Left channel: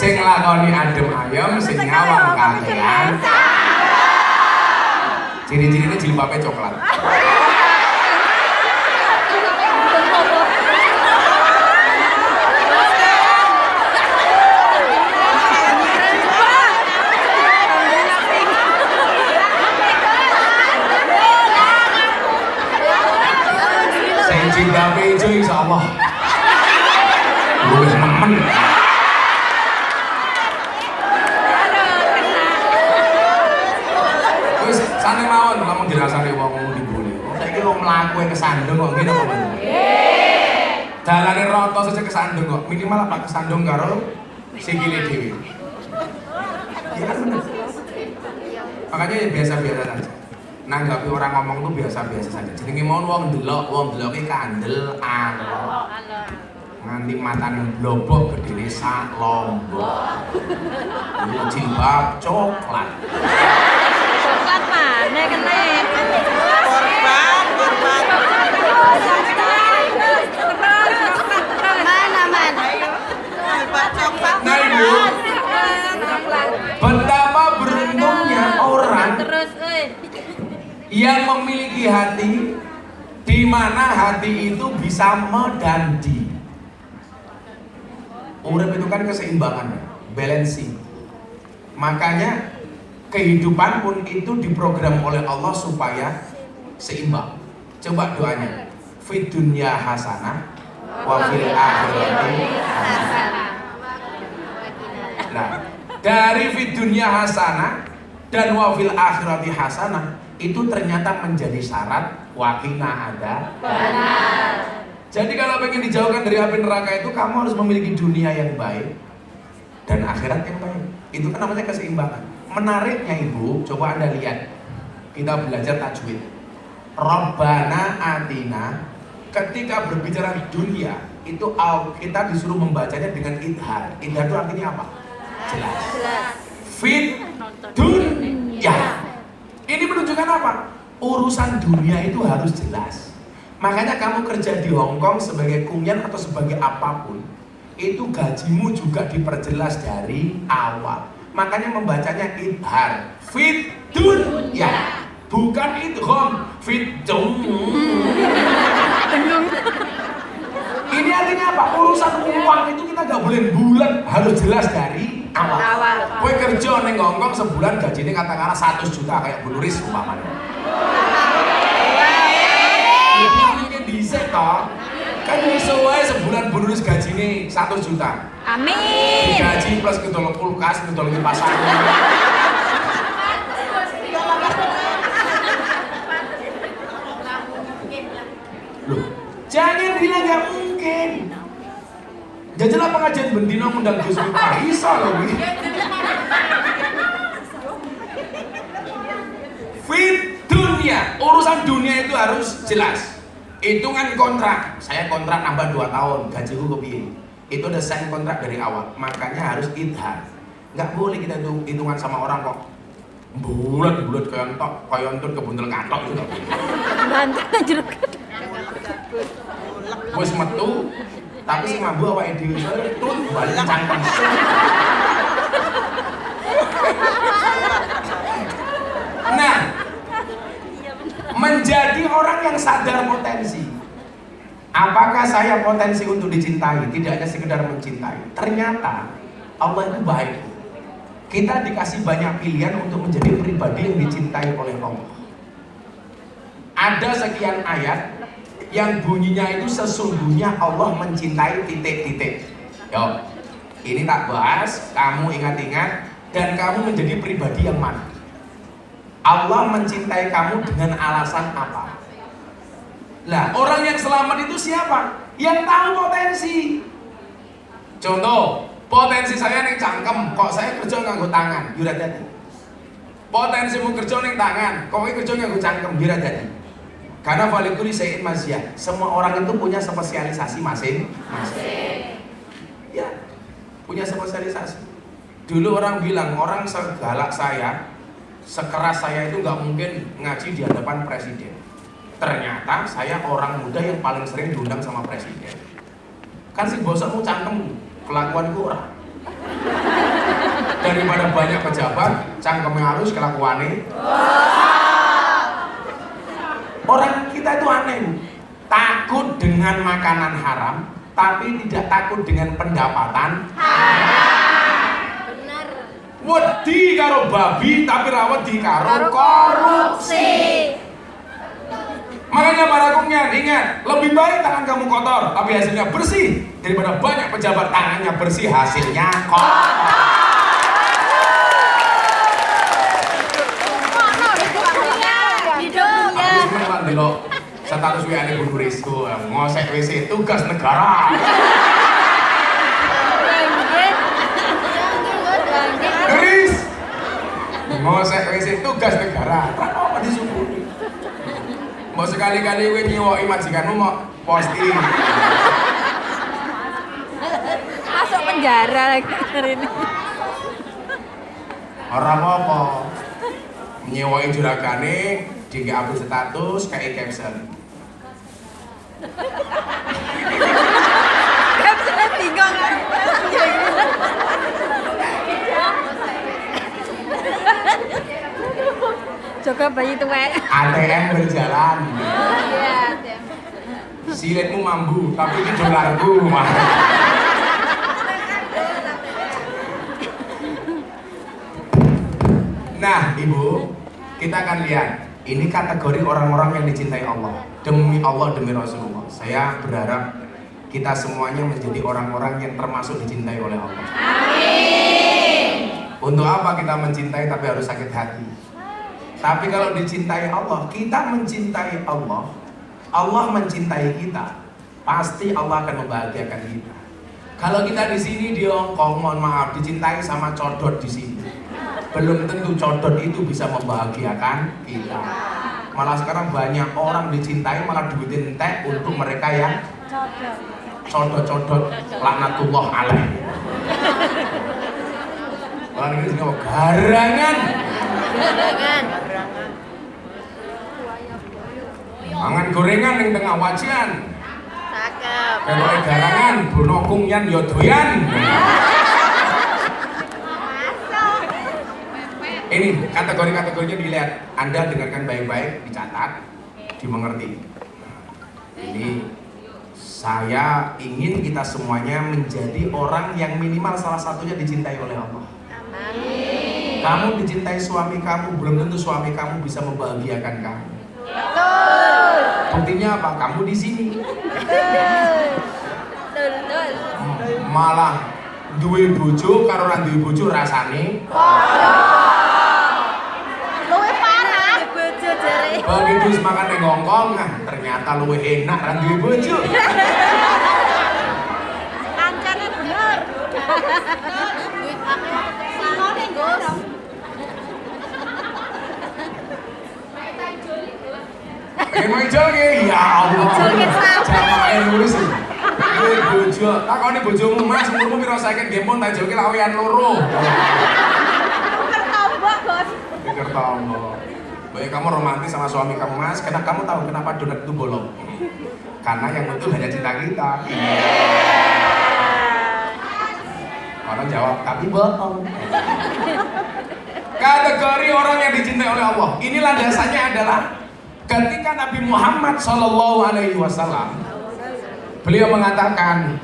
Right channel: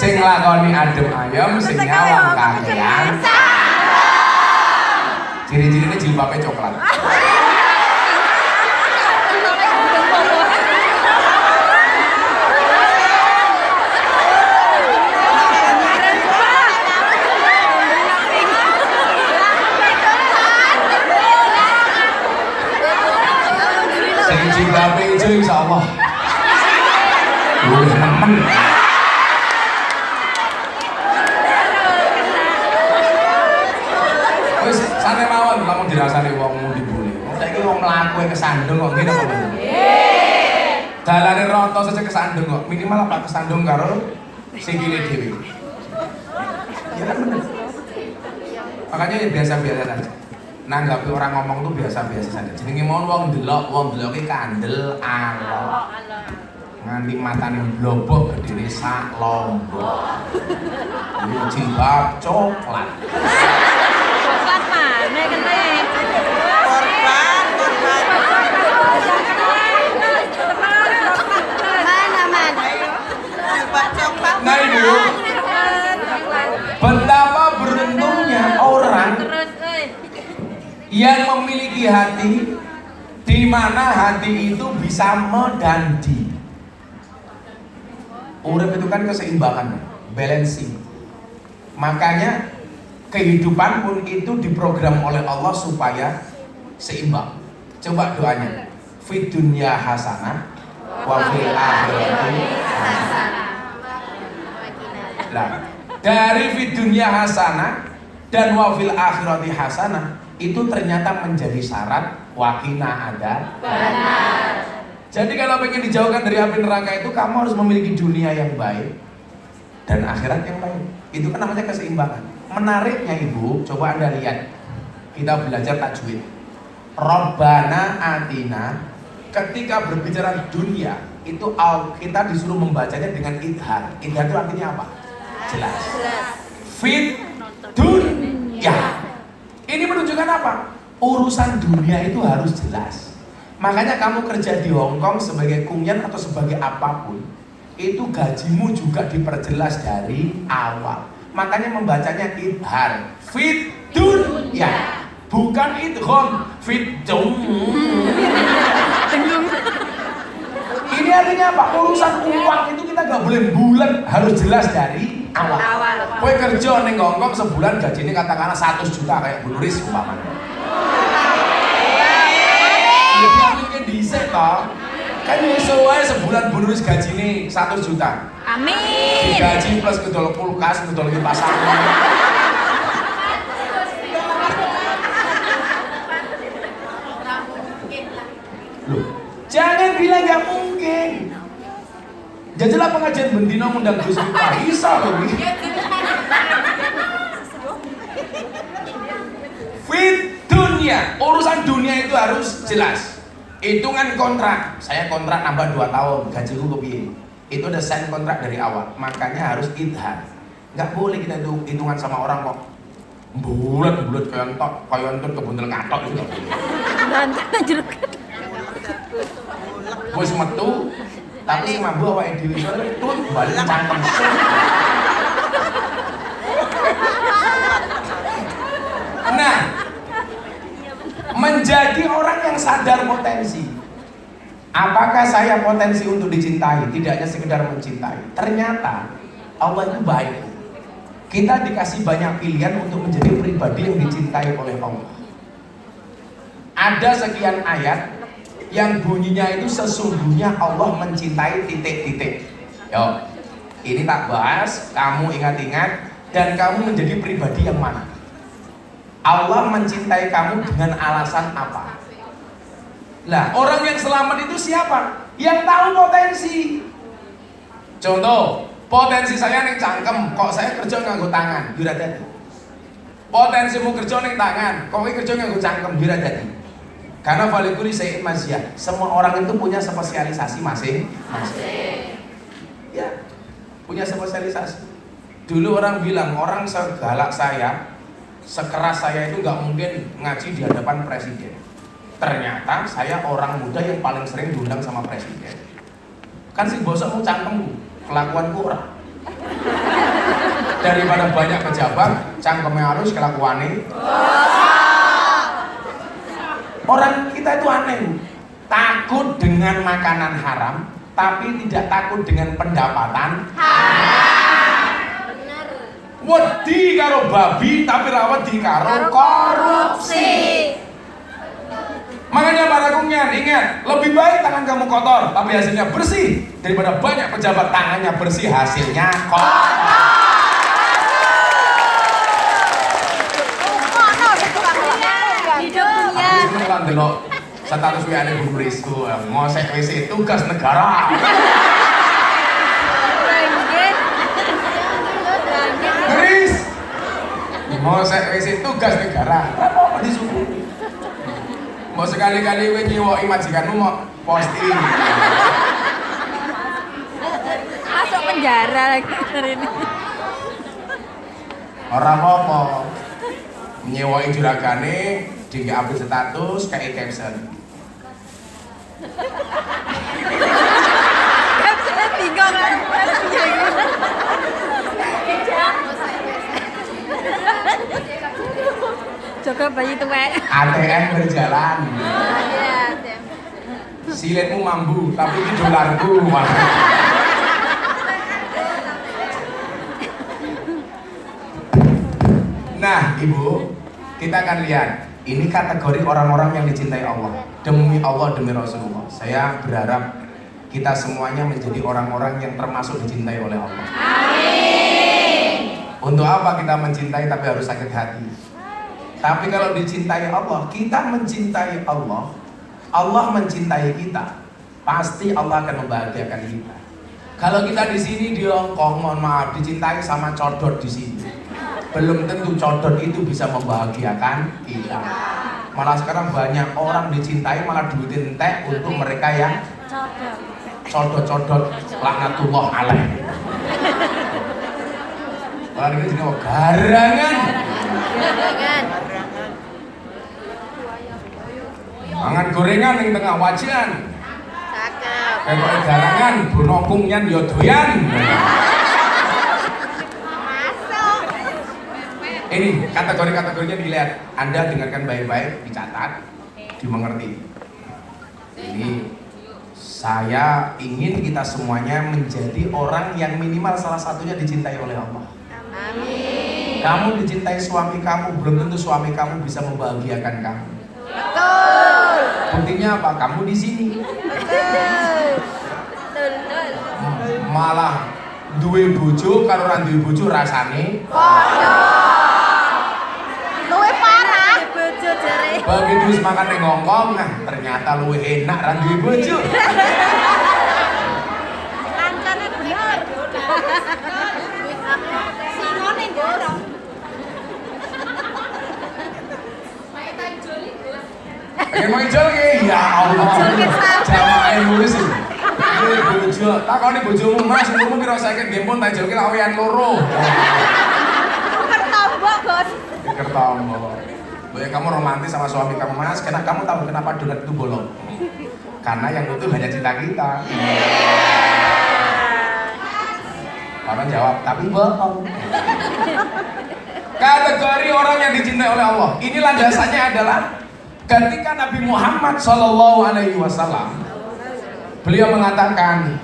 Sing lakoni adem ayem, sing nyawang kakean. Ciri-cirinya jilbabnya coklat. Sing jilbabnya itu insyaallah. Nemen. Wis santai mawon kamu dirasani wong dibule. Saiki wong mlaku kesandung kok ngene kok. Dalane roto saja kesandung kok. Minimal apa kesandung karo sikile dhewe. Ya bener. Makanya ya biasa-biasa saja. Nanggapi orang ngomong tuh biasa-biasa saja. Jenenge mau wong deloke kandel alok. Nganti matane blobok gedene sak lombok. Ini jilbab coklat. Coklat mana kene? Korban. Mana? Ayo. Jilbab coklat Nah, Ibu. korban. Betapa beruntungnya orang yang memiliki hati di mana hati itu bisa medandi. Urip itu kan keseimbangan, balancing. Makanya kehidupan pun itu diprogram oleh Allah supaya seimbang. Coba doanya. Fid dunya hasanah wa fil akhirati hasanah. Nah, dari fid dunya hasanah dan wa fil akhirati hasanah itu ternyata menjadi syarat wakina ada benar. Jadi kalau ingin dijauhkan dari api neraka itu kamu harus memiliki dunia yang baik dan akhirat yang baik. Itu kan namanya keseimbangan. Menariknya Ibu, coba Anda lihat. Kita belajar tajwid. Rabbana atina, ketika berbicara dunia itu kita disuruh membacanya dengan idhar. Idhar itu artinya apa? Jelas. Fit dunya. Ini menunjukkan apa? Urusan dunia itu harus jelas. Makanya kamu kerja di Hong Kong sebagai kunyan atau sebagai apapun, itu gajimu juga diperjelas dari awal. Makanya membacanya idhar, fit dunya, bukan idgham, fit Ini artinya apa? Urusan uang itu kita nggak boleh bulat, harus jelas dari awal. Kowe kerja ning Hong Kong sebulan gajinya katakanlah 100 juta kayak Bu Riz umpamanya. Jadi mungkin dhisik toh. Kan iso wae sebulan Bu Riz gajine 100 juta. Amin. Gaji plus ngedol kulkas, ngedol kipas angin. Loh, jangan bilang nggak mungkin. Jajalah pengajian bendino undang Gus Miftah bisa loh. Fit dunia, urusan dunia itu harus jelas. Hitungan kontrak, saya kontrak nambah 2 tahun, gajiku kepiye. Itu udah sign kontrak dari awal, makanya harus idhar. Nggak boleh kita hitungan sama orang kok bulat kayak entok kebuntel ngatok juga. Bantan jeruk. Wis metu, tapi sing mambu apa dhewe tut balik cangkem. Nah, menjadi orang yang sadar potensi. Apakah saya potensi untuk dicintai? Tidak hanya sekedar mencintai. Ternyata Allah itu baik. Kita dikasih banyak pilihan untuk menjadi pribadi yang dicintai oleh Allah. Ada sekian ayat yang bunyinya itu sesungguhnya Allah mencintai titik-titik. Yo, ini tak bahas, kamu ingat-ingat dan kamu menjadi pribadi yang mana? Allah mencintai kamu dengan alasan apa? Lah, orang yang selamat itu siapa? Yang tahu potensi. Contoh, potensi saya ning cangkem, kok saya kerja nganggo tangan, yo ora dadi. Potensimu kerja ning tangan, kok kowe kerja nganggo cangkem, yo ora dadi. Karena valikuli sayin maziyah, semua orang itu punya spesialisasi masing-masing. Ya, punya spesialisasi. Dulu orang bilang, orang segalak saya, sekeras saya itu nggak mungkin ngaji di hadapan presiden. Ternyata saya orang muda yang paling sering diundang sama presiden. Kan sih bosmu cangkemmu, kelakuanku ora. daripada banyak pejabat cangkeme harus kelakuane. Orang kita itu aneh, takut dengan makanan haram tapi tidak takut dengan pendapatan wedi karo babi tapi ra wedi karo korupsi. Makanya para kumyan ingat, lebih baik tangan kamu kotor tapi hasilnya bersih daripada banyak pejabat tangannya bersih hasilnya kotor. Hidupnya. Kenalan delok status WA Bu Risco, ngosek WC tugas negara. Guys, ngosek WC tugas negara. Apa disuruh? Mau sekali-kali kowe nyewoki majikanmu mau posting. Masuk penjara lagi hari ini. Orang apa? Nyewoki juragane dinggo upload status kayak caption. Saya bingung lah. Jaga bayi tuwek. ATM berjalan. Iya, ATM. Silitmu mambu tapi ini dolarku. Nah, Ibu, kita akan lihat ini kategori orang-orang yang dicintai Allah. Demi Allah, demi Rasulullah. Saya berharap kita semuanya menjadi orang-orang yang termasuk dicintai oleh Allah. Amin. Untuk apa kita mencintai tapi harus sakit hati? Tapi kalau dicintai Allah, kita mencintai Allah, Allah mencintai kita, pasti Allah akan membahagiakan kita. Kalau kita di sini di Hongkong, mohon maaf, dicintai sama codot di sini, belum tentu codot itu bisa membahagiakan kita. Malah sekarang banyak orang dicintai malah duitin entek untuk mereka yang codot-codot laknatullah alaih. Kalau ini juga garangan. Mangan gorengan yang tengah wajian. Cakep. Kalau garangan bunokung yan yo doyan. Ini kategori-kategorinya dilihat. Anda dengarkan baik-baik, dicatat, dimengerti. Ini saya ingin kita semuanya menjadi orang yang minimal salah satunya dicintai oleh Allah. Amin. Kamu dicintai suami kamu, belum tentu suami kamu bisa membahagiakan kamu. Buktinya apa? Kamu di sini. Malah duwe bojo karo ora duwe bojo rasane. Luwe parah. Bojo jare. Begitu wis makan ning Hongkong, nah ternyata luwe enak ra duwe bojo. Kancane bener. Simone ndoro. Emang joge ya Allah. Jangan ngurus. Duwe bojo, takoni bojomu Mas, umurmu piro saiki nggih pun tak joge lawean loro. Kertombo. Boleh kamu romantis sama suami kamu Mas, karena kamu tahu kenapa donat itu bolong? Karena yang butuh hanya cinta kita. Orang jawab, tapi bohong. Kategori orang yang dicintai oleh Allah. Ini landasannya adalah ketika Nabi Muhammad SAW beliau mengatakan,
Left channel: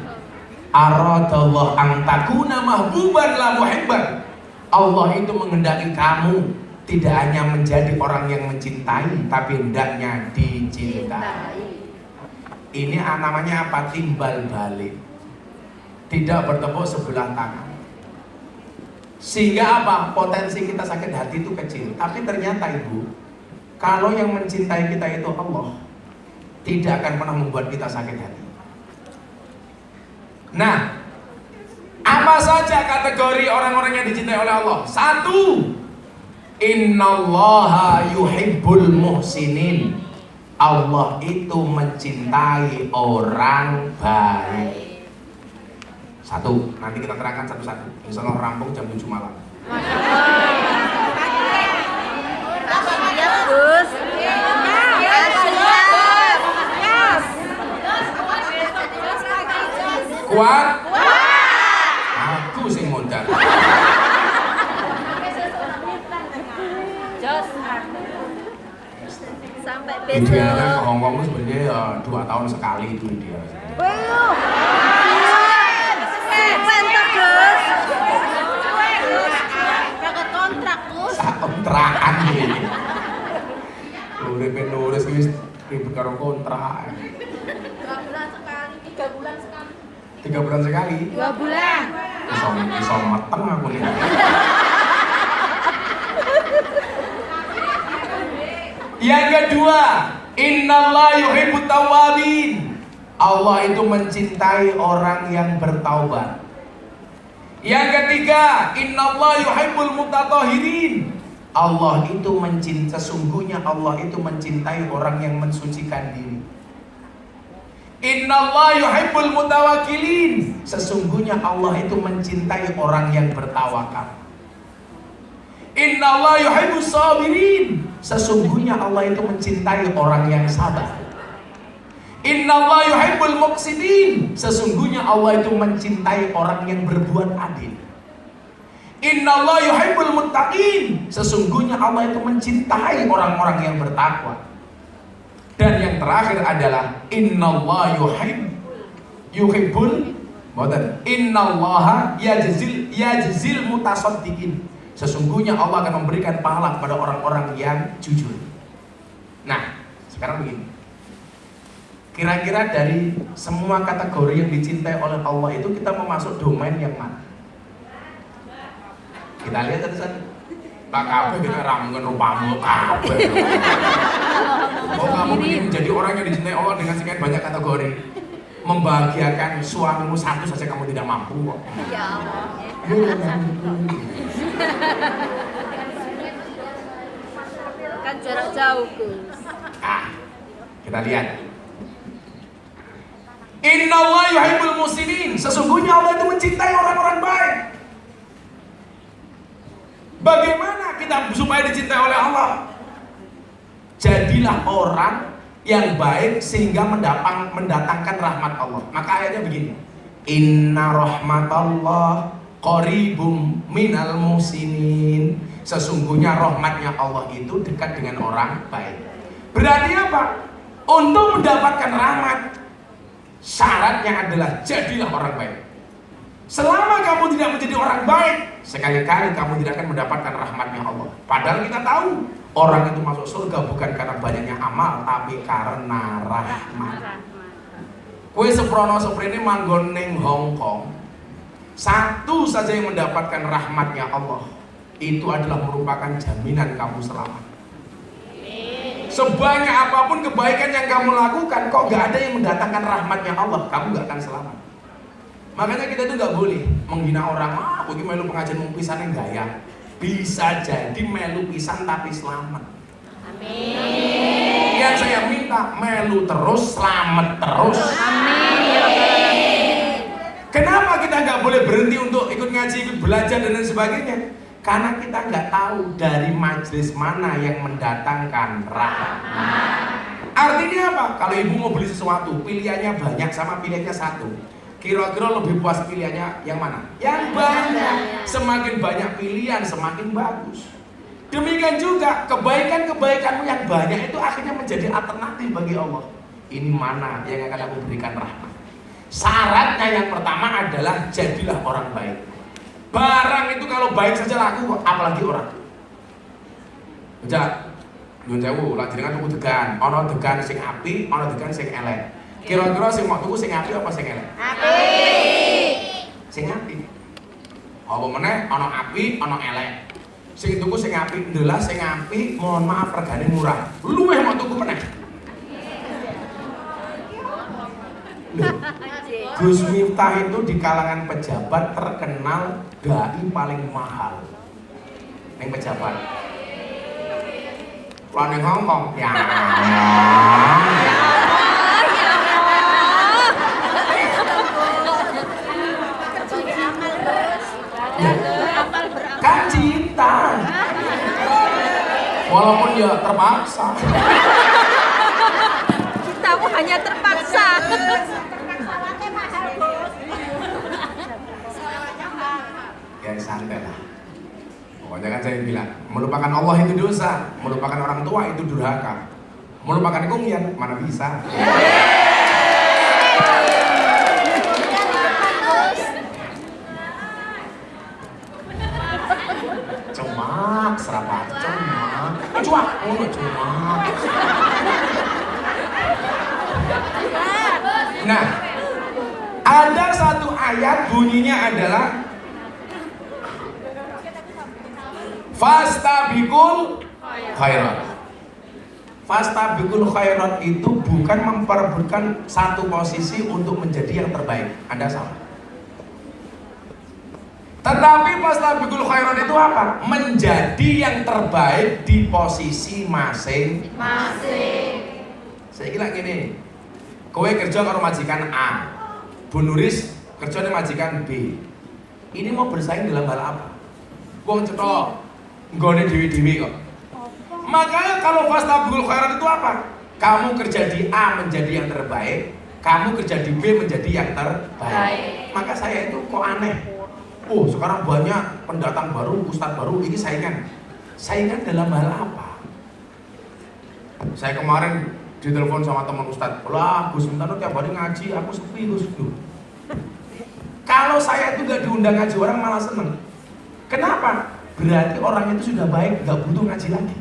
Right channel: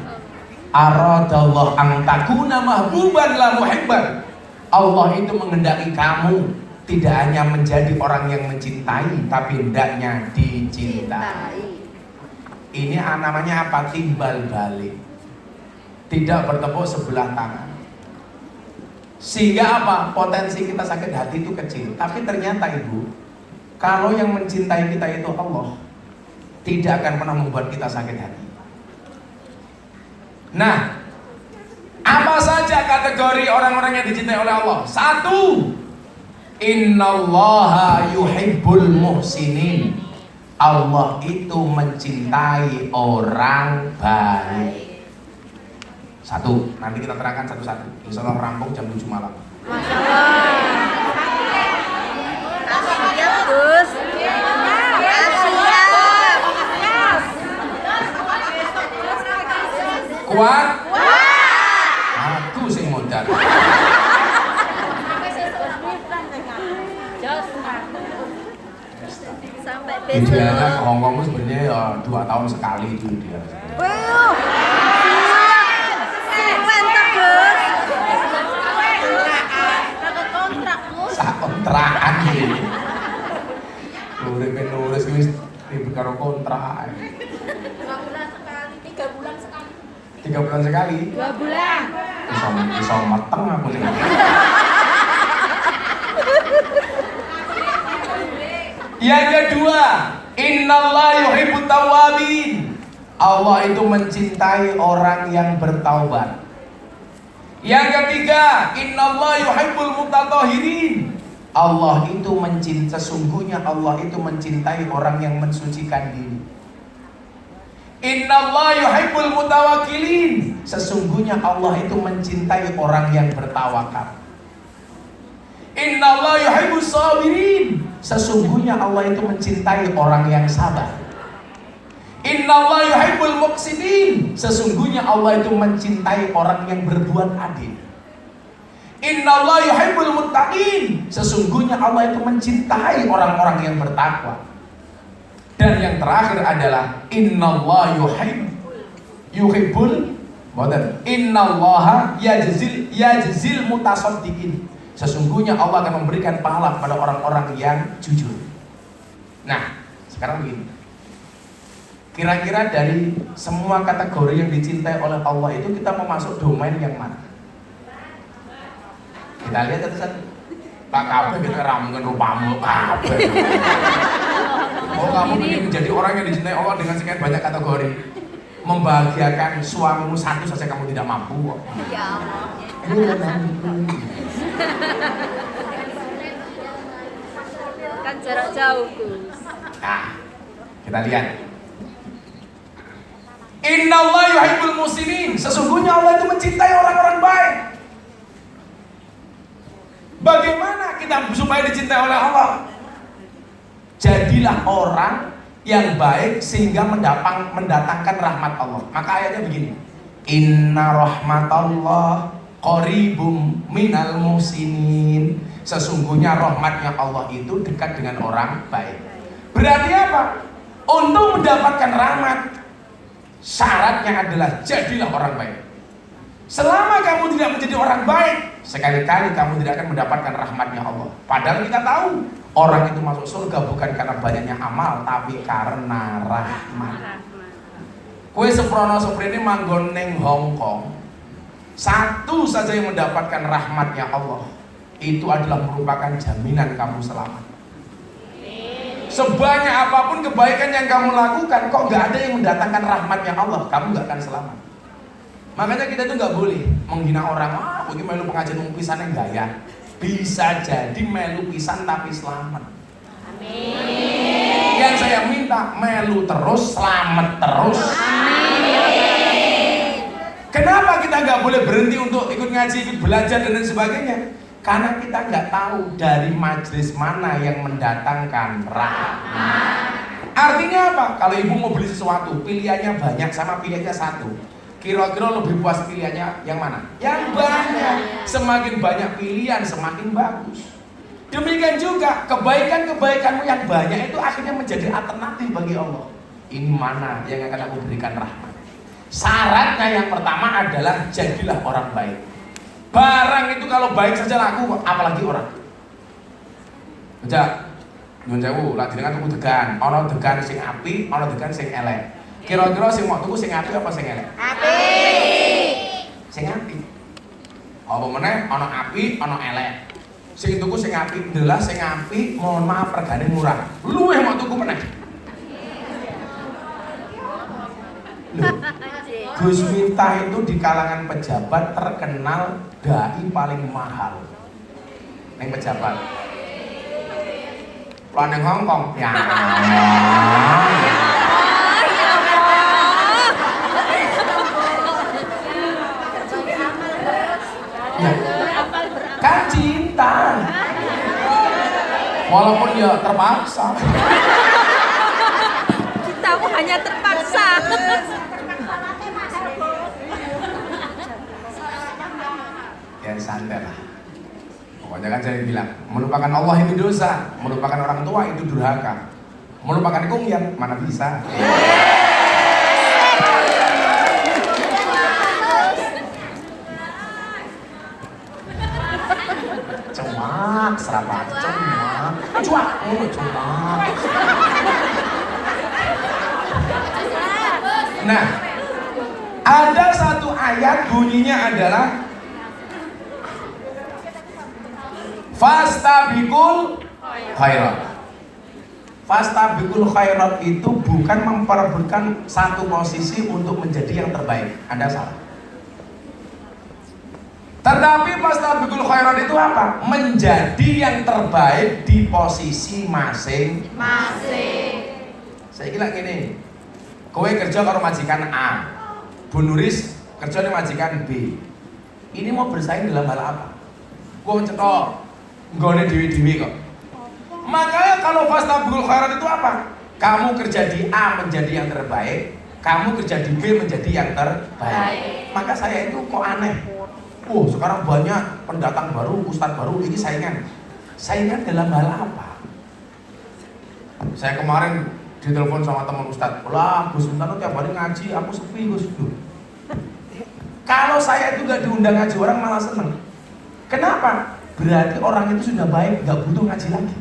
aradallah an takuna mahbuban la muhibban. Allah itu menghendaki kamu tidak hanya menjadi orang yang mencintai, tapi hendaknya dicintai. Ini namanya apa? Timbal balik. Tidak bertepuk sebelah tangan. Sehingga apa? Potensi kita sakit hati itu kecil. Tapi ternyata Ibu, kalau yang mencintai kita itu Allah, tidak akan pernah membuat kita sakit hati. Nah, apa saja kategori orang-orang yang dicintai oleh Allah? Satu, innallaha yuhibbul muhsinin. Allah itu mencintai orang baik. Satu, nanti kita terangkan satu-satu. Insya Allah rampung jam 7 malam. Siap, Bos. Siap. Kuat? Aku sing modal. Idealnya ke Hongkong itu sebenarnya ya 2 tahun sekali itu dia. Wow. Mantap, Gus. Kagak kontrak, Gus. Sak kontrakan ini. Nulis wis ibu karo kontrak. 3 bulan sekali. 2 bulan. Bisa mateng aku nih. Yang kedua, innallaha yuhibbut tawwabin. Allah itu mencintai orang yang bertaubat. Yang ketiga, innallaha yuhibbul mutatahhirin. Allah itu sesungguhnya Allah itu mencintai orang yang mensucikan diri. Innallaha yuhibbul mutawakkilin. Sesungguhnya Allah itu mencintai orang yang bertawakal. Innallaha yuhibbus sabirin. Sesungguhnya Allah itu mencintai orang yang sabar. Innallaha yuhibbul muqsitin. Sesungguhnya Allah itu mencintai orang yang berbuat adil. Innallaha yuhibbul muttaqin. Sesungguhnya Allah itu mencintai orang-orang yang bertakwa. Dan yang terakhir adalah innallaha yuhibbul innallaha yajzil mutasaddiqin. Sesungguhnya Allah akan memberikan pahala kepada orang-orang yang jujur. Nah, sekarang begini. Kira-kira dari semua kategori yang dicintai oleh Allah itu kita mau masuk domain yang mana? Kita lihat itu kan Pak Kabeh kita ramungan rupamu kabeh. Oh, kamu ingin menjadi orang yang dicintai Allah dengan sekian banyak kategori. Membahagiakan suamimu satu saja kamu tidak mampu. Ya Allah. Kan jarak jauh, Gus. Nah, kita lihat. Innallaha yuhibbul muslimin. Sesungguhnya Allah itu mencintai orang-orang baik. Bagaimana kita supaya dicintai oleh Allah? Jadilah orang yang baik sehingga mendatangkan rahmat Allah. Maka ayatnya begini. Inna rahmatallah qaribum minal muhsinin. Sesungguhnya rahmatnya Allah itu dekat dengan orang baik. Berarti apa? Untuk mendapatkan rahmat, syaratnya adalah jadilah orang baik. Selama kamu tidak menjadi orang baik, sekali-kali kamu tidak akan mendapatkan rahmatnya Allah. Padahal kita tahu orang itu masuk surga bukan karena banyaknya amal, tapi karena rahmat. Kue seprono seprene manggon neng Hongkong, satu saja yang mendapatkan rahmatnya Allah, itu adalah merupakan jaminan kamu selamat. Sebanyak apapun kebaikan yang kamu lakukan, kok gak ada yang mendatangkan rahmatnya Allah, kamu gak akan selamat. Makanya kita tuh gak boleh menghina orang. Bagi melu pengajian mengpisan yang gaya. Bisa jadi melu pisan tapi selamat. Amin. Yang saya minta melu terus, selamat terus. Amin. Kenapa kita gak boleh berhenti untuk ikut ngaji, ikut belajar dan lain sebagainya? Karena kita nggak tahu dari majelis mana yang mendatangkan rahmat. Artinya apa? Kalau ibu mau beli sesuatu, pilihannya banyak sama pilihannya satu. Kira-kira lebih puas pilihannya yang mana? Yang banyak. Semakin banyak pilihan, semakin bagus. Demikian juga kebaikan-kebaikanmu yang banyak itu akhirnya menjadi alternatif bagi Allah. Ini mana yang akan aku berikan rahmat? Syaratnya yang pertama adalah jadilah orang baik. Barang itu kalau baik saja laku, apalagi orang. Aja, nyun sewu, lagi dengan tuku degan, ono degan sing api, ono degan sing elek. Kira-kira sing mau tuku sing api apa sing elek? Api. Sing api. Apa meneh ono api, ono elek. Sing tuku sing api, ndelah sing api, mohon maaf regane murah. Luwih mau tuku meneh. Gus Miftah itu di kalangan pejabat terkenal dai paling mahal. Yang pejabat. Kalau neng Hongkong, ya. Kan cinta. Walaupun ya terpaksa. Cintamu hanya terpaksa. Ya santai lah. Pokoknya kan saya bilang, melupakan Allah itu dosa, melupakan orang tua itu durhaka, Melupakan kumyang mana bisa. Cemak, serapa cemak. Cuak, cemak. Nah, ada satu ayat bunyinya adalah fastabiqul khairat. Fastabiqul khairat itu bukan memperebutkan satu posisi untuk menjadi yang terbaik. Anda salah. Tetapi fastabiqul khairat itu apa? Menjadi yang terbaik di posisi masing-masing. Saya kira gini. Kowe kerja kalau majikan A, Bu Nuris kerja di majikan B. Ini mau bersaing dalam hal apa? Wong cetok nggone dewi-dewi kok. Makanya kalau fastabiqul khairat itu apa? Kamu kerja di A menjadi yang terbaik, kamu kerja di B menjadi yang terbaik. Maka saya itu kok aneh. Oh, sekarang banyak pendatang baru, ustadz baru, ini saingan. Saingan dalam hal apa? Saya kemarin ditelepon sama teman ustadz, lah Gus Mintan tiap hari ngaji, aku sepi Gus. Kalau saya itu gak diundang ngaji, orang malah seneng. Kenapa? Berarti orang itu sudah baik, gak butuh ngaji lagi.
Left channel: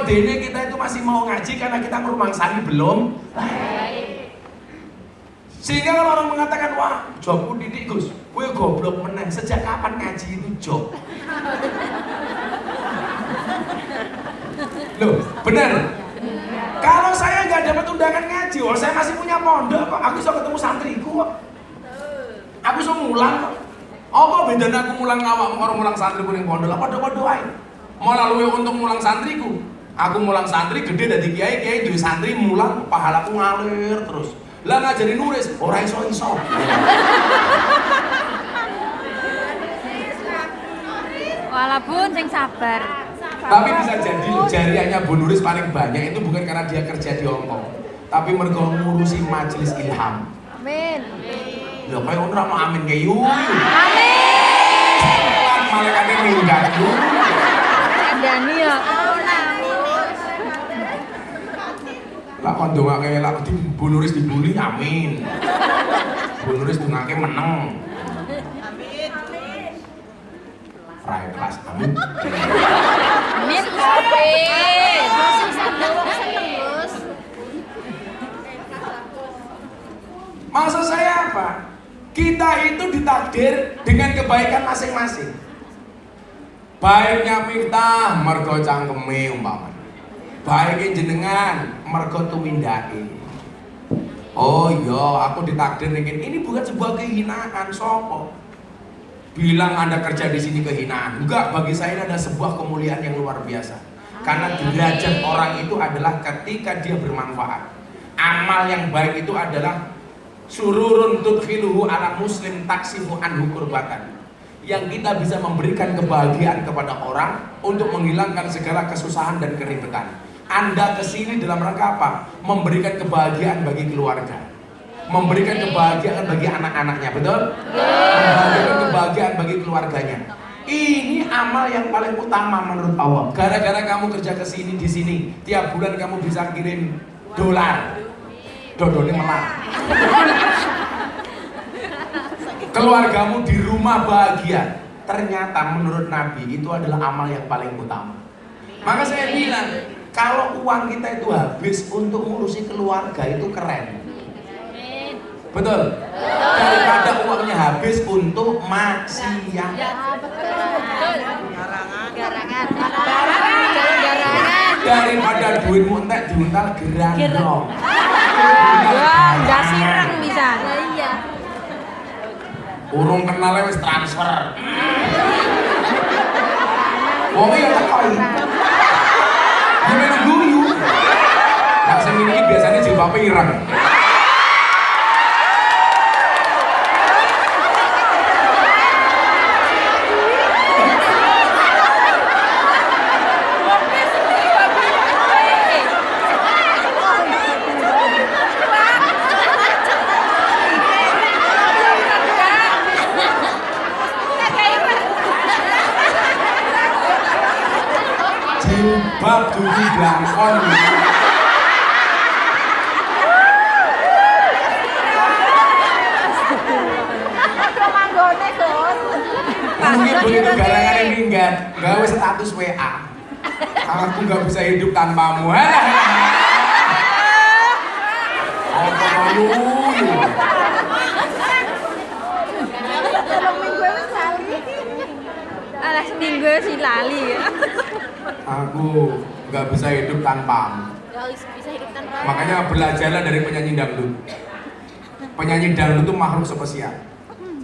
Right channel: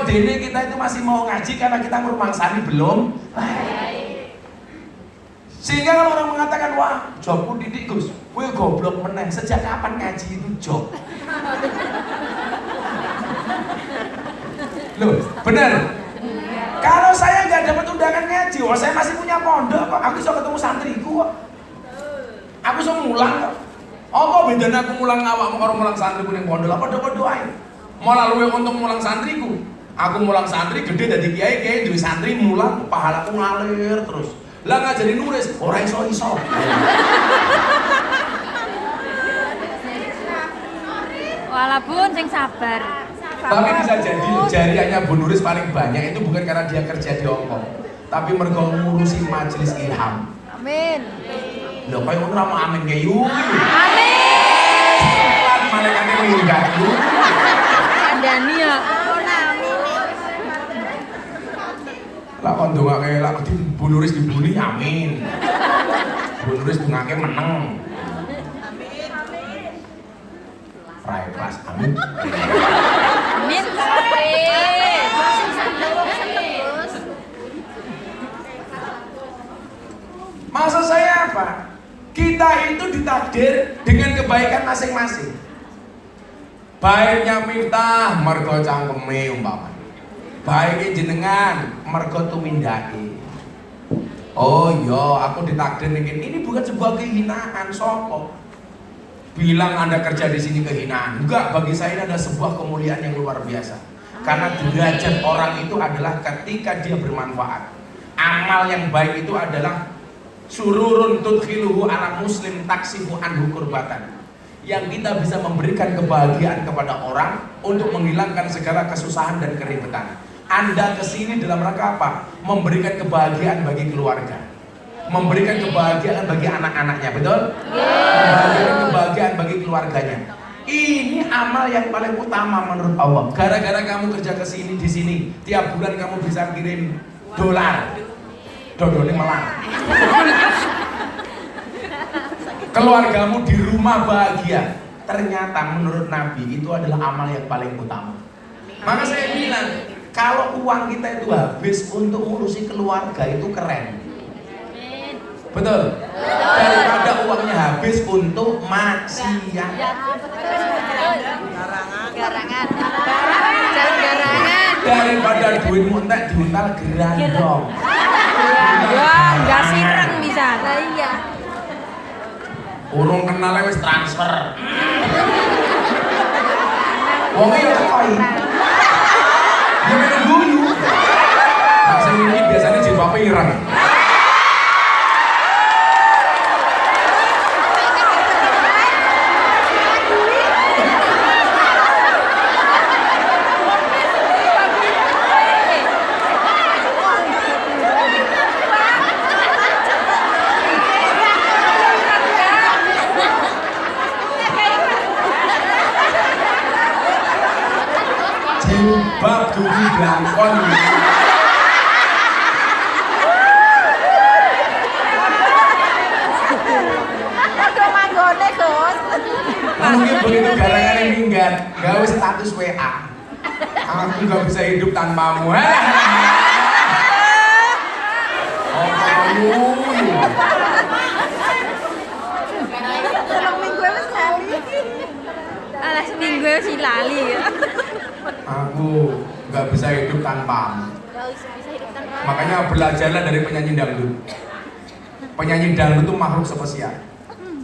Dene kita itu masih mau ngaji karena kita merumangsani belum baik. Sehingga kalau orang mengatakan, wah jobku didik Gus, gue goblok meneng, sejak kapan ngaji itu job? Loh, benar? Kalau saya nggak dapat undangan ngaji, saya masih punya pondok kok. Aku bisa ketemu santriku kok. Aku bisa mulang kok. Apa bedanya aku mulang awak karo mulang santriku ning pondok? Apa padha-padha ae. Mau lalu untuk mulang santriku. Aku mulang santri gede dadi kiai duwe santri mulang pahalaku ngalir terus. Lah nggak jadi nulis, ora iso-iso. Walaupun sing sabar. Tapi bisa jadi jariahnya Bu Nuris paling banyak itu bukan karena dia kerja di Hongkong, tapi mergo ngurusi majelis ilham. Amin. Lho kayak orang mau amin kayak yuk. Amin. Malaikatnya minggat yuk. Kandani ya. Amin. Lah kon ndongake lak di Bu Nuris dibuli amin. Bu Nuris dongake meneng. Rai kelas amin. Amin. Maksud saya apa? Kita itu ditakdir dengan kebaikan masing-masing. Baiknya Miftah mergo cangkeme umpama. Baiknya jenengan mergo tumindake. Oh iya, aku ditakdir ini bukan sebuah kehinaan sopo. Bilang Anda kerja di sini kehinaan. Enggak, bagi saya ini adalah sebuah kemuliaan yang luar biasa. Karena derajat orang itu adalah ketika dia bermanfaat. Amal yang baik itu adalah sururun tudkhiluhu ala muslim taksifu anhu kurbatan. Yang kita bisa memberikan kebahagiaan kepada orang untuk menghilangkan segala kesusahan dan keribetan. Anda kesini dalam rangka apa? Memberikan kebahagiaan bagi keluarga, memberikan kebahagiaan bagi anak-anaknya, betul? Memberikan kebahagiaan bagi keluarganya. Ini amal yang paling utama menurut Allah. Gara-gara kamu kerja kesini di sini, tiap bulan kamu bisa kirim dolar. Dodone malah. Keluargamu di rumah bahagia. Ternyata menurut Nabi itu adalah amal yang paling utama. Maka saya bilang, kalau uang kita itu habis untuk ngurusi keluarga itu keren. Betul? Daripada uangnya habis untuk maksiat. Garangan. Jalan garangan. Daripada duitmu entek diuntal gerandong. Ya, enggak sireng bisa. Lah iya. Urung kenal wis transfer. Wong iki kok. Gimana dulu? Nah, sing ini biasanya jilbabe ireng. Sing bab dudu blangkon. Aduh manggone, Gus. Mungkin begitu gara-gara minggat, gawe status WA. Aku nggak bisa hidup tanpamu. Tolong minggu wis lali. Alah seminggu si lali ya. Aku nggak bisa hidup tanpamu. Makanya belajarlah dari penyanyi dangdut. Penyanyi dangdut itu makhluk spesial,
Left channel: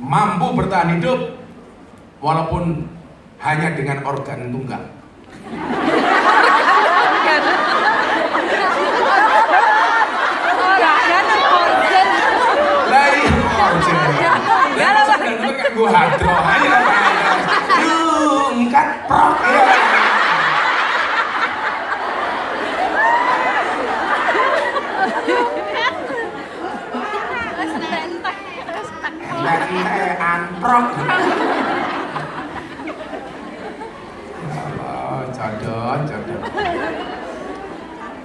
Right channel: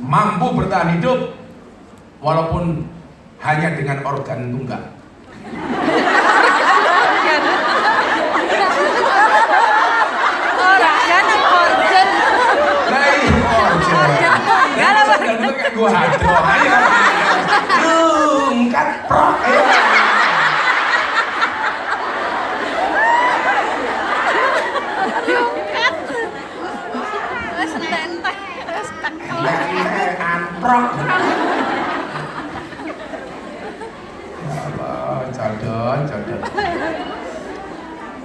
mampu bertahan hidup walaupun hanya dengan organ tunggal. Organ. Dari organ Tunggal apa? dan itu kan gua hadro aja. Lungkat prok ya. Anprok. Jodoh.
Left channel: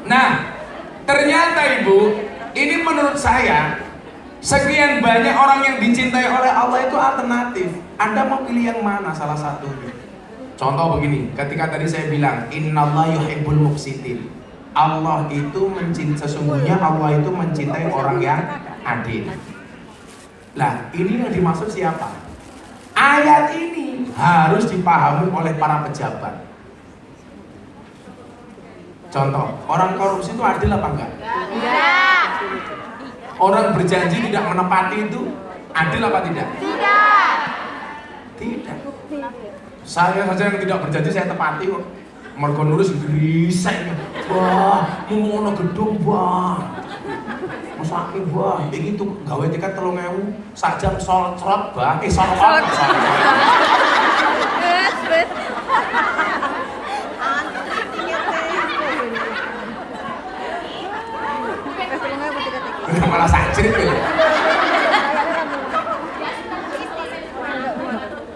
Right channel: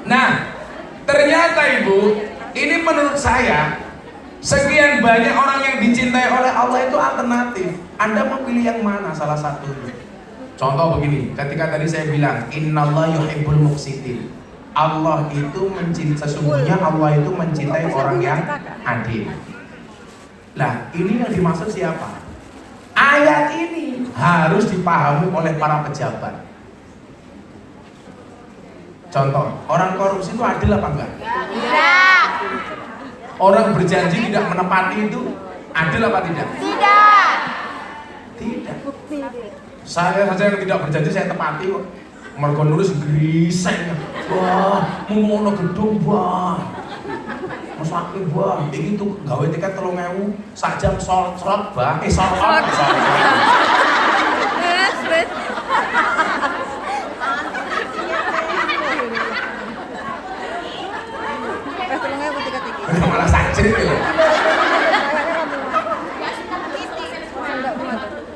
Nah, ternyata Ibu, ini menurut saya sekian banyak orang yang dicintai oleh Allah itu alternatif. Anda mau pilih yang mana salah satunya? Contoh begini, ketika tadi saya bilang innallaha yuhibbul muqsitin. Allah itu sesungguhnya Allah itu mencintai orang yang adil. Nah, ini yang dimaksud siapa? Ayat ini harus dipahami oleh para pejabat. Contoh, orang korupsi itu adil apa enggak? Tidak. Orang berjanji tidak menepati itu adil apa tidak? Tidak. Tidak. Saya saja yang tidak berjanji saya tepati kok. Mergo nulis griseng. Wah, mau ono gedung, wah. Masake wah, iki tuh gawe tiket 3.000 sajam sholat bah, sholat. Wes. Malah sajrit ya.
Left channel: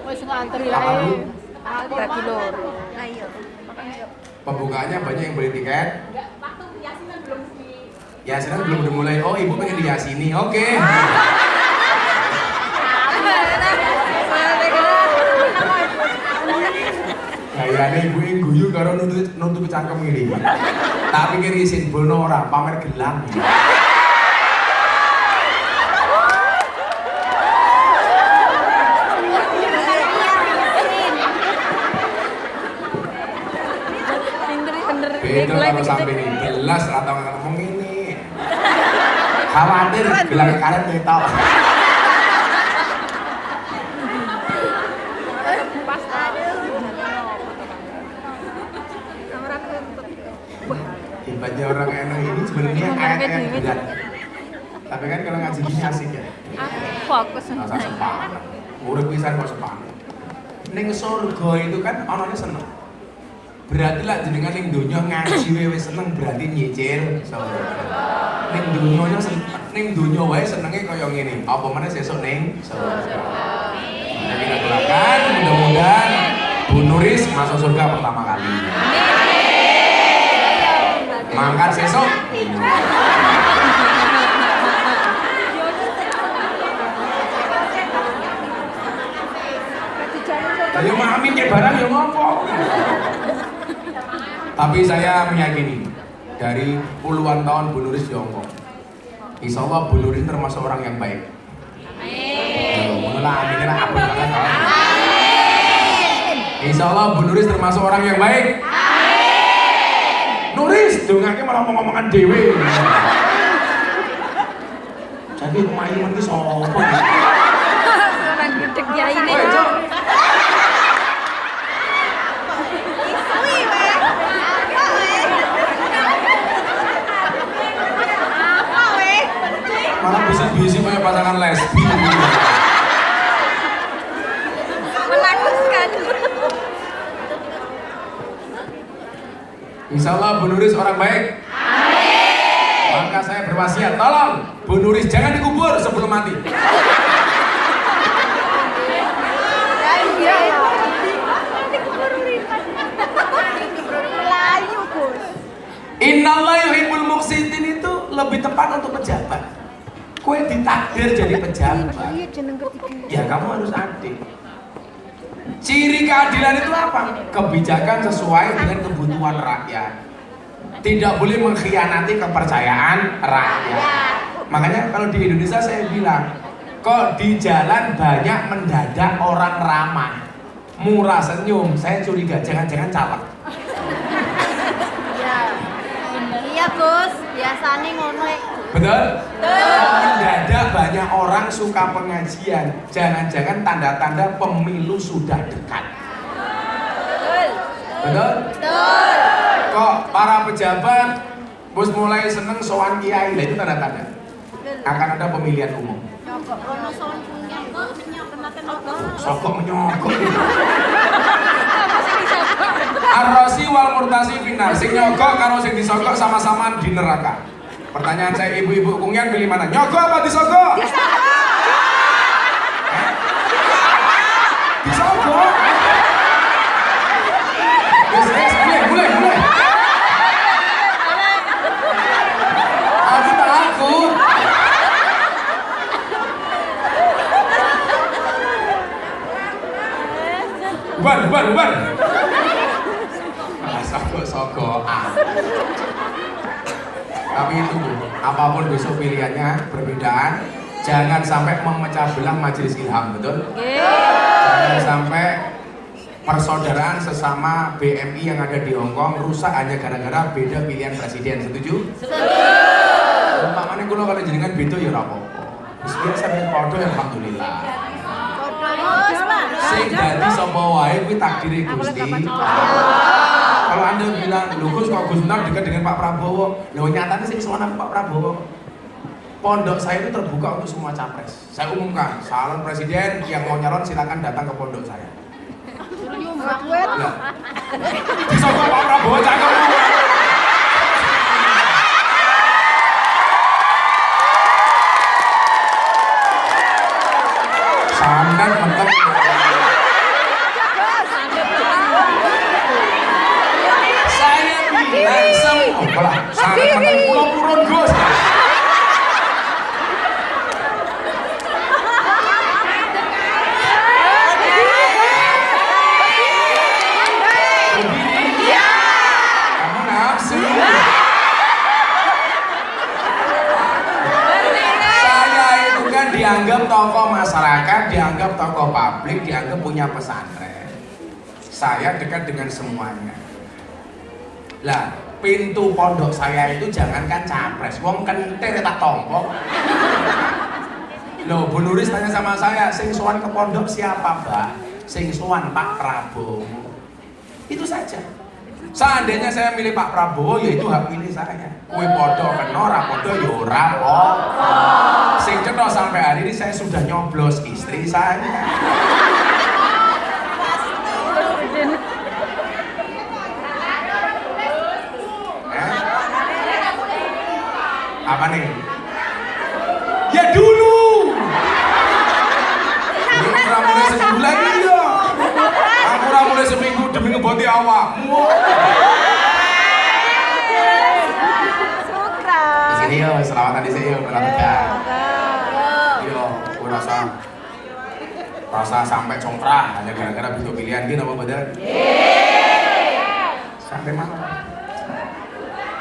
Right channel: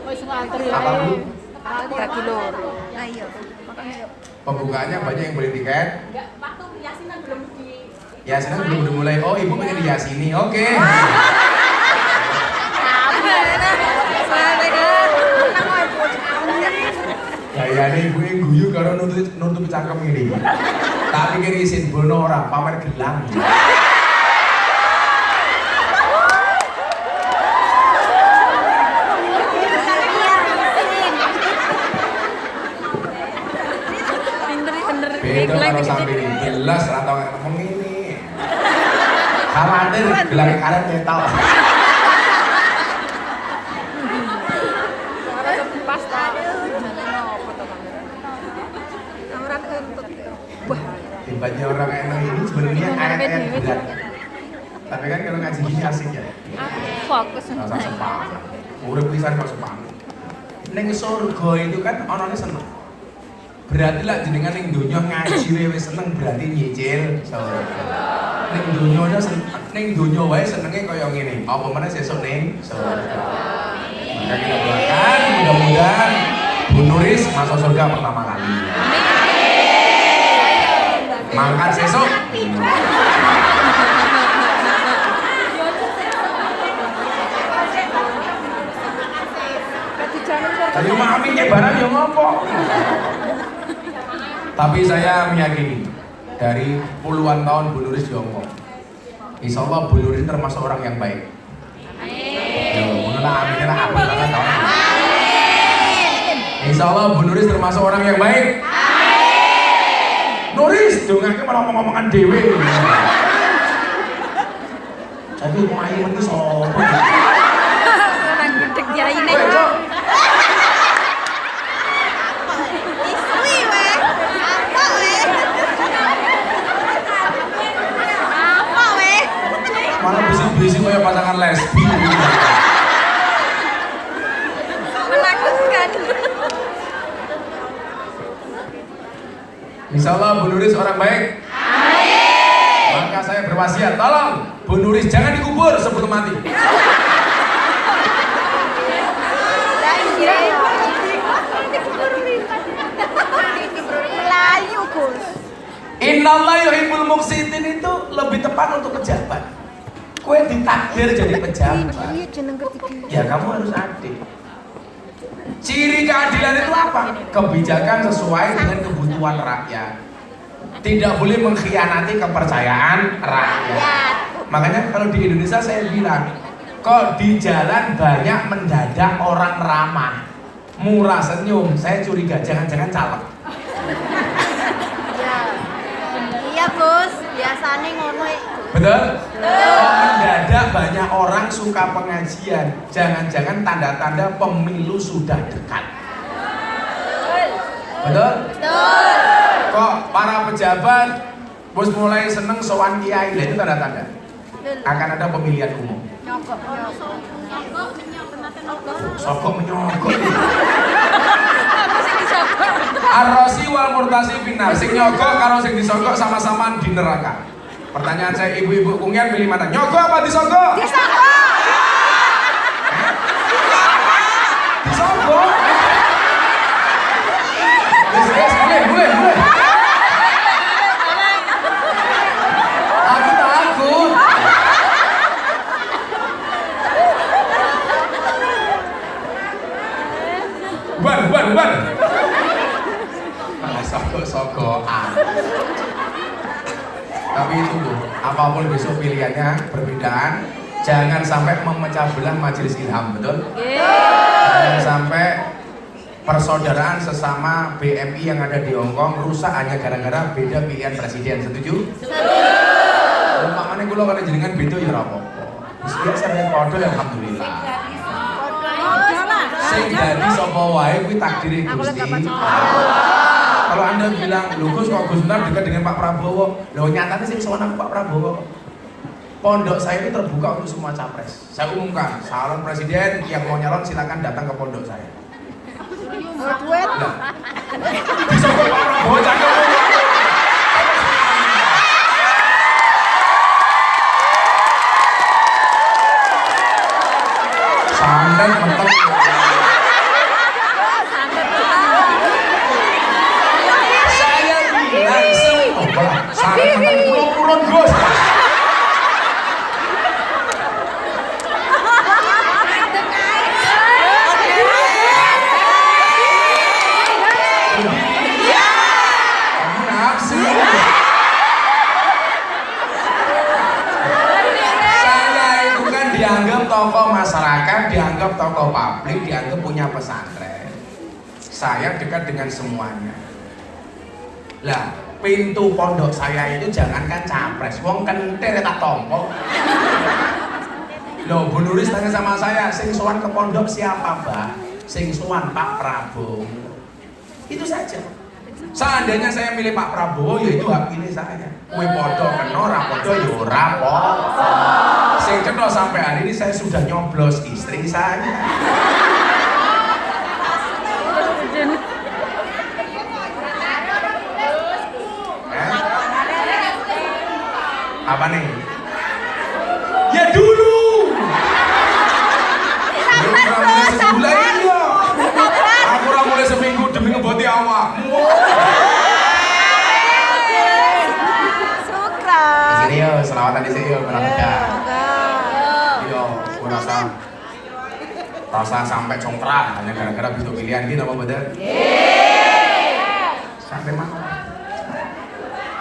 Wis ngantri ae. Aku bagi loro. Pembukaannya banyak yang beli tiket. Yasin belum dimulai. Oh, ibu pengen diyasini. Oke. Kayaknya ibu yang guyu karo nutup cangkem ini. Tak pikir isin bono orang pamer gelang. Pinter. Beda Gelang kalau sampai ini jelas atau ngomong ini. Khawatir gelang kalian metal. Hebatnya orang enak ini sebenarnya ayat-ayat berat. Tapi kan kalau ngaji gini asik ya. Aku fokus sama Masa saya. sepanjang. Urip pisan kok sepanjang. Ning surga itu kan onone seneng. Berarti lah jenengan ning donya ngaji wis seneng berarti nyicil surga. Ning donya wae senenge kaya ngene. Apa meneh sesuk ning surga. Nah, kita doakan mudah-mudahan Bu Nuris masuk surga pertama kali. Mangkat sesuk. Ayo mami kayak barang yang ngopo. Tapi saya meyakini dari puluhan tahun Bu Nuris di Hongkong, insya Allah Bu Nuris termasuk orang yang baik. Insya Allah Bu Nuris termasuk orang yang baik. Nuris, dongake malah ngomong-ngomongan dewe. Tapi mau ayo ini sopo? Orang gede kiai nih. Malah bisik-bisik kayak pasangan lesbi. Menakutkan. Insya Allah Bu Nuris orang baik. Amin. Maka saya berwasiat, tolong Bu Nuris jangan dikubur sebelum mati. Innallaha yuhibbul muqsitin itu lebih tepat untuk pejabat. Kue ditakdir jadi pejabat. Ya kamu harus adil. Ciri keadilan itu apa? Kebijakan sesuai dengan kebutuhan rakyat. Tidak boleh mengkhianati kepercayaan rakyat. Makanya kalau di Indonesia saya bilang, kok di jalan banyak mendadak orang ramah, murah senyum. Saya curiga jangan-jangan caleg. Iya Gus, biasanya ngono. Betul? Mendadak banyak orang suka pengajian. Jangan-jangan tanda-tanda pemilu sudah dekat. Betul? Betul. Kok para pejabat bos mulai seneng sowan kiai, itu tanda-tanda akan ada pemilihan umum. Sokok menyokok. Apa sih disokok? Arrosi wal murtasi finar. Sing nyogok karo sing disogok sama-sama di neraka. Pertanyaan saya, ibu-ibu kungyan pilih mana? Nyogok apa disogok? Disogok. Boleh. Aku takut. Bubar. Sogok-sogokan. Tapi itu Bu, apapun besok pilihannya perbedaan, jangan sampai memecah belah majelis ilham, betul? Jangan sampai persaudaraan sesama BMI yang ada di Hongkong rusak hanya gara-gara beda pilihan presiden, setuju? Setuju. Umpamanya kula kalau jenengan beda ya rapopo. Wis biasa nek padha alhamdulillah. Sing dadi sapa wae kuwi takdire Gusti Allah. Kalau Anda bilang, "Lho Gus, kok Gus Miftah dekat dengan Pak Prabowo?" Loh nyatanya sing sowan Pak Prabowo. Pondok saya itu terbuka untuk semua capres. Saya umumkan, calon presiden yang mau nyalon silakan datang ke pondok saya. Nah, disogok Pak Prabowo jangan. Sandan bukan. Saya bilang semua. Saya pulang Gus. Dianggap tokoh masyarakat, dianggap tokoh publik, dianggap punya pesantren. Saya dekat dengan semuanya. Lah, pintu pondok saya itu jangankan capres, wong kentir tak tompok. Loh, Bu Nuris tanya sama saya, sing sowan ke pondok siapa, Mbak? Sing sowan Pak Prabowo. Itu saja. Seandainya saya milih Pak Prabowo, ya itu hak pilih saya. Kue podo kena, ora podo ya ora apa-apa. Sing cetha sampai hari ini saya sudah nyoblos istri saya. Apa nih? Ya dulu. Mulai sebulan ini ya. Aku mulai seminggu demi ngeboti awakmu. Ini yo, selawatan di sini yo, yo, aku rasa sampai congkrang, hanya gara-gara bisa pilihan gini apa bener? Sampai mana?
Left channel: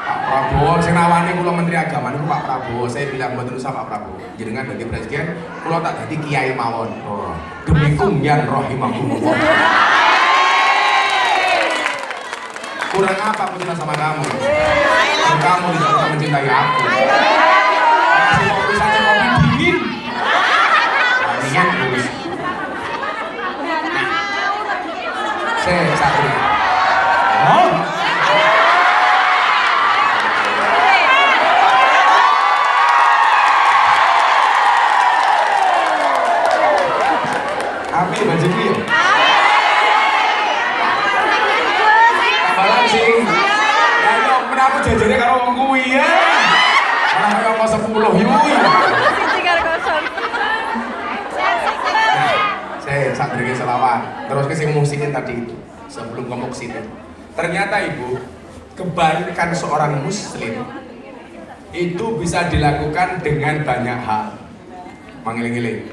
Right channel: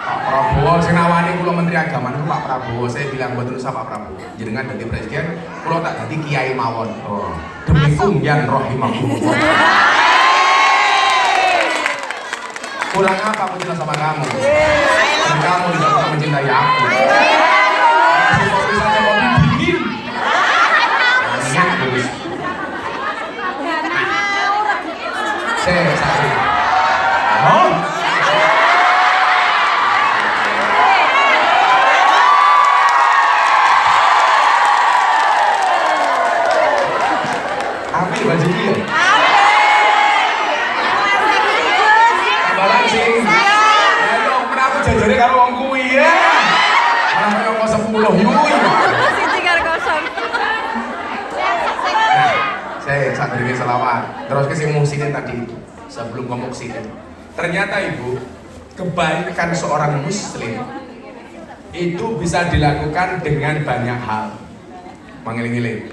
Pak Prabowo, sing awalnya kula Menteri Agama itu Pak Prabowo, saya bilang betul sama Pak Prabowo, jenengan ganti presiden, kula tak ganti kiai mawon. Demi kumyan rahimahullah. Kurang apa aku bilang sama kamu? Dan kamu tidak mencintai aku. Masih mau bisa kopi dingin. Dingin terus. Saya sakit. Mau? Api baju dia. Balancing. Kenapa jajarnya karo wong kuwi ya? Kenapa mau 10 yui? Siji karo kosong. Saya sambil selawat. Terus ke musiknya tadi itu sebelum ngomong sini. Ternyata Ibu, kebaikan seorang muslim itu bisa dilakukan dengan banyak hal. Mengiling-iling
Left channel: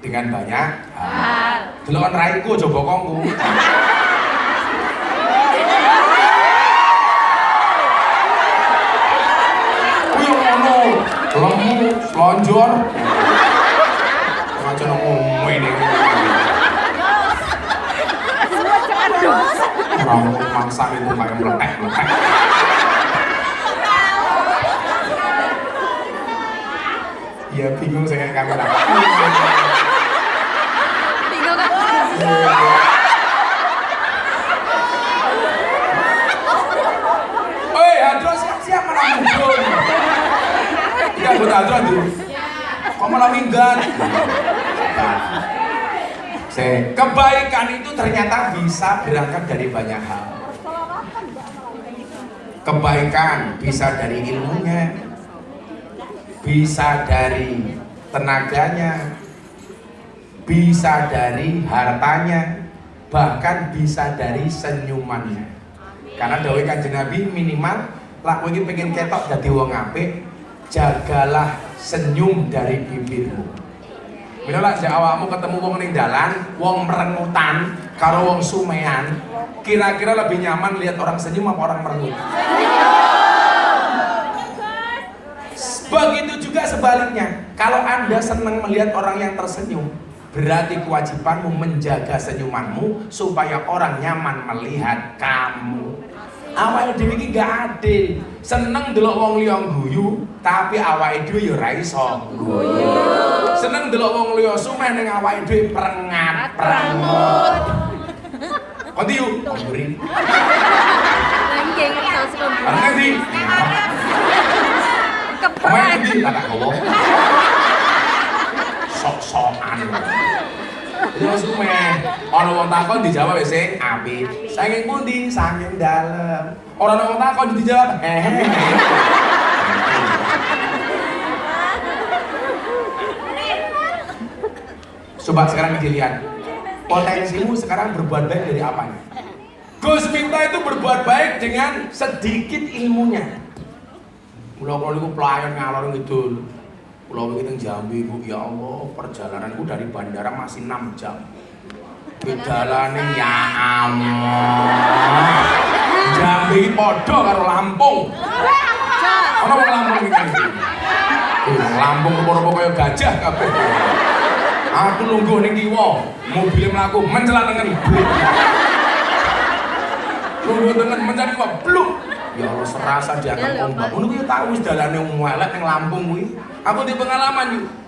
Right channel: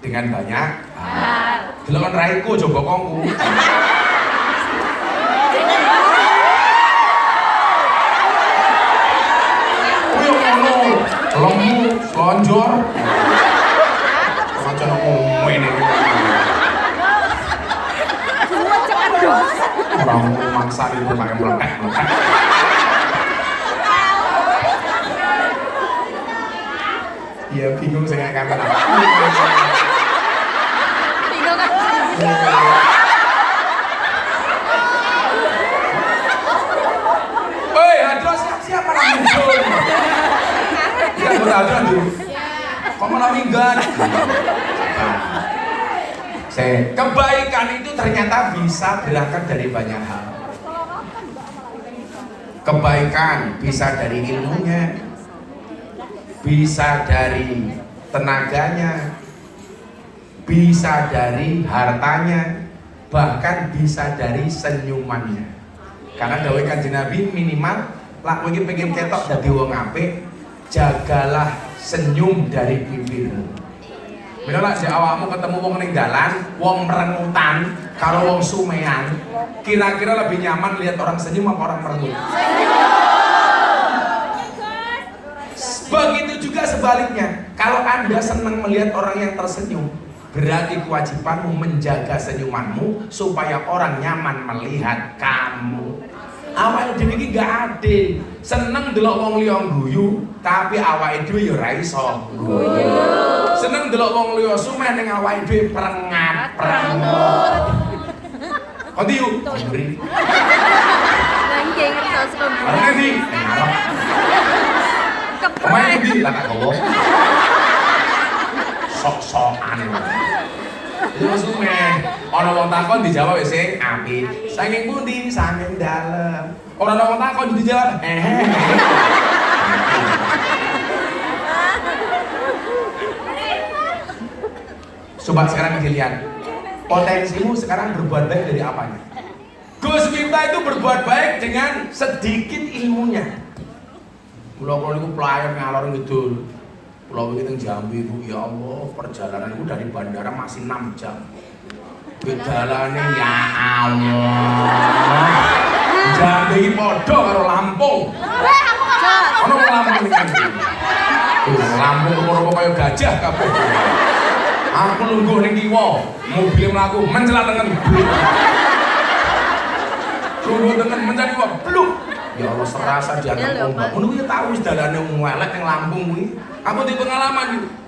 dengan banyak hal. Delok raiku coba kongku. Kuwi ngono, lemu, slonjor. Macam ngomong ini. Orang maksa itu pakai meletek. Ya bingung saya kamera. Bingung kan? Oi, Hadro siap-siap malah muncul. Ya, betul Hadro. Kamu malah minggat. Kebaikan itu ternyata bisa berangkat dari banyak hal. Kebaikan bisa dari ilmunya, bisa dari tenaganya, bisa dari hartanya, bahkan bisa dari senyumannya. Karena dawuh Kanjeng Nabi minimal lak kowe iki pengen ketok dadi wong apik, jagalah senyum dari bibirmu. Bila lah sejak awakmu ketemu wong ning dalan, wong merengutan karo wong sumean, kira-kira lebih nyaman lihat orang senyum apa orang merengut? Begitu juga sebaliknya, kalau Anda senang melihat orang yang tersenyum, berarti kewajibanmu menjaga senyumanmu supaya orang nyaman melihat kamu. Awake dhewe iki gak adil, seneng delok wong liya guyu, tapi awake dhewe ya ora iso guyu. Seneng delok wong liya sumeh ning awake dhewe prengat, pramut. Kondi yuk, mburi. Lagi ngertos kok. Ana ndi? Keprak. Main di tak gowo. Sok-sokan. Itu sumeh. Ana wong takon dijawab wis sing apik. Saking pundi? Saking dalem. Ora ana wong takon dijawab. Coba sekarang dilihat. Potensimu sekarang berbuat baik dari apa? Gus Miftah itu berbuat baik dengan sedikit ilmunya. Kalau niku pelayan ngalor ngidul. Pulau ini Jambi, Bu, ya Allah, perjalananku dari bandara masih 6 jam. Bedalane ya Allah. Jambi podo karo Lampung. Ono Lampung iki. Lampung rupa-rupa kaya gajah kabeh. Aku lungguh ning kiwa, mobil mlaku mencelat tengen. Lungguh tengen mencang kiwa, bluk. Ya Allah serasa jangan ngono. Ngono kuwi tak wis dalane elek ning Lampung kuwi. Aku di pengalaman yuk.